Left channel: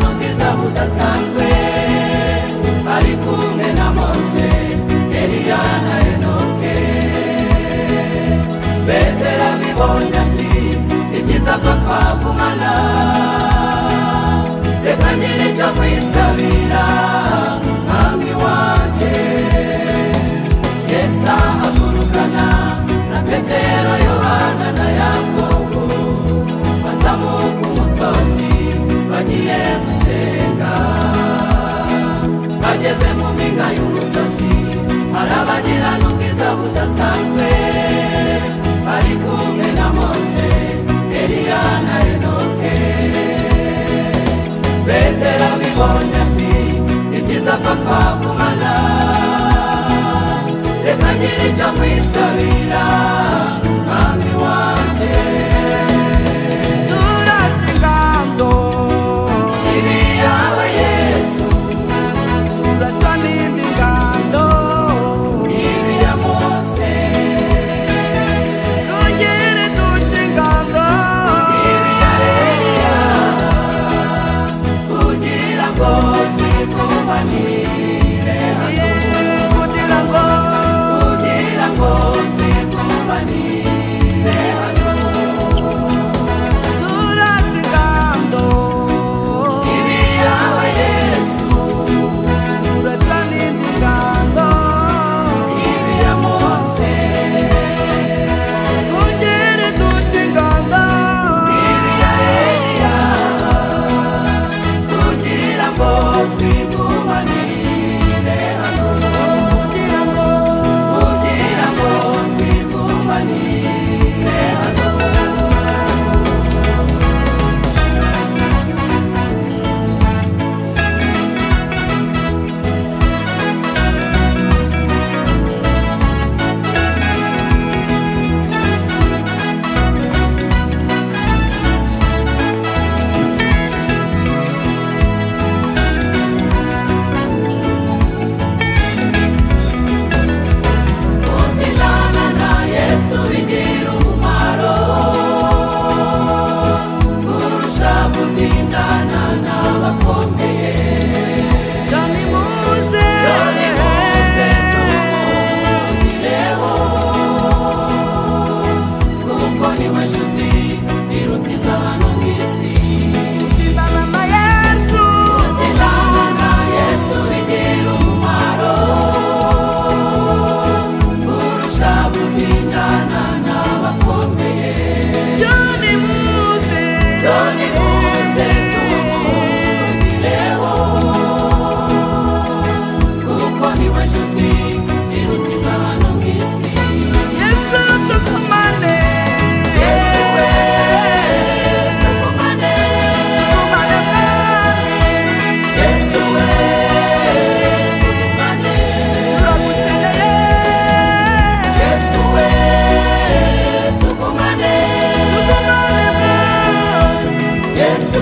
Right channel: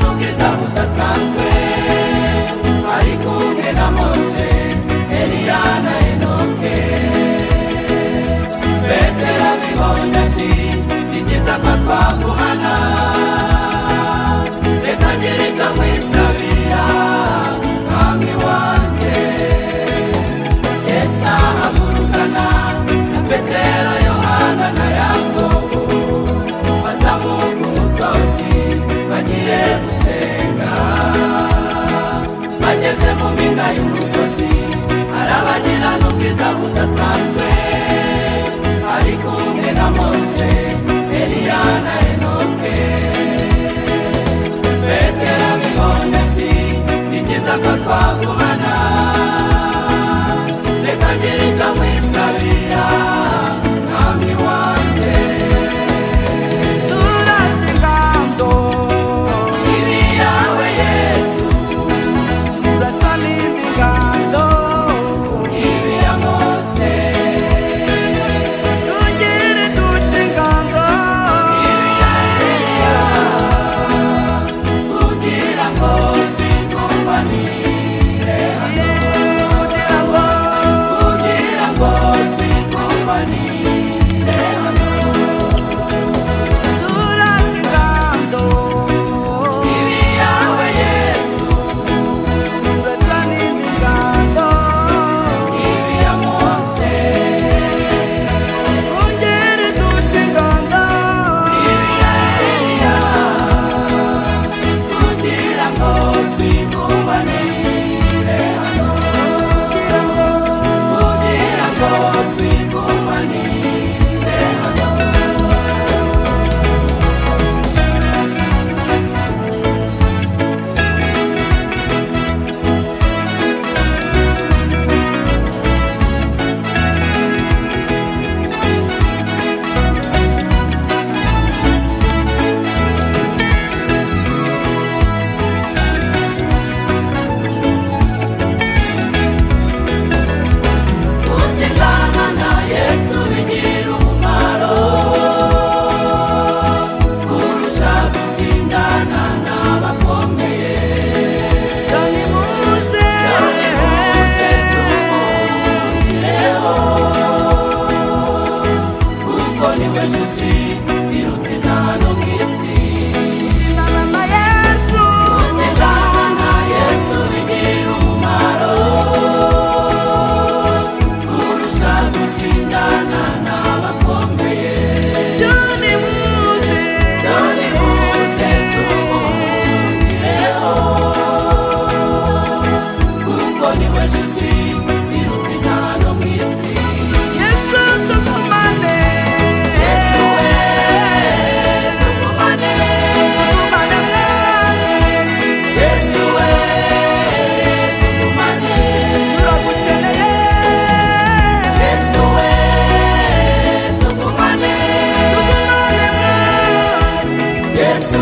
n'ubwiza budasanzwe ari kumwe na Mose, Eliya na Enoke. Petero abibonye ati ni byiza ko twagumana, reka ngire icyo nkwisabira mwami wanjye. Yesu ahagurukana na Petero, Yohana na Yakobo, bazamuka umusozi bagiye gusenga. Bageze mu mpinga y'umusozi arabagirana ubwiza budasanzwe ari kumwe na Mose, Eliya na Enoke. Petero abibonye ati ni byiza ko twagumana, reka ngire icyo nkwisabira mwami wanjye. turaca ingando Ibi yawe Yesu, turaca n'indi ngando ibi ya Mose, twongere duca ingando Eliya, kugira ngo twigumanire, kugira ngo twigumanire hano. turaca ingando Ibi yawe Yesu, turaca n'indi ngando ibi ya Mose, twongere duca ingando Eliya, kugira ngo twigumanire hano. kugira ngo twigumanire hano. Kutizana na Yesu bigira umumaro kurusha gutindana n'abakomeye. cyane muze Kuko niwe nshuti iruta izano mu isi. kutizana na Yesu Kutizana na Yesu bigira umumaro kurusha gutindana n'abakomeye. cyane muze Dore muze tumuhungireho, kuko niwe nshuti iruta izano mu isi. Yesu tugumane Yesu we, tugumane. tugumane mwami Yesu we, tugumane. turagukeneye Yesu we, tugumane. tugumane mwami Yesu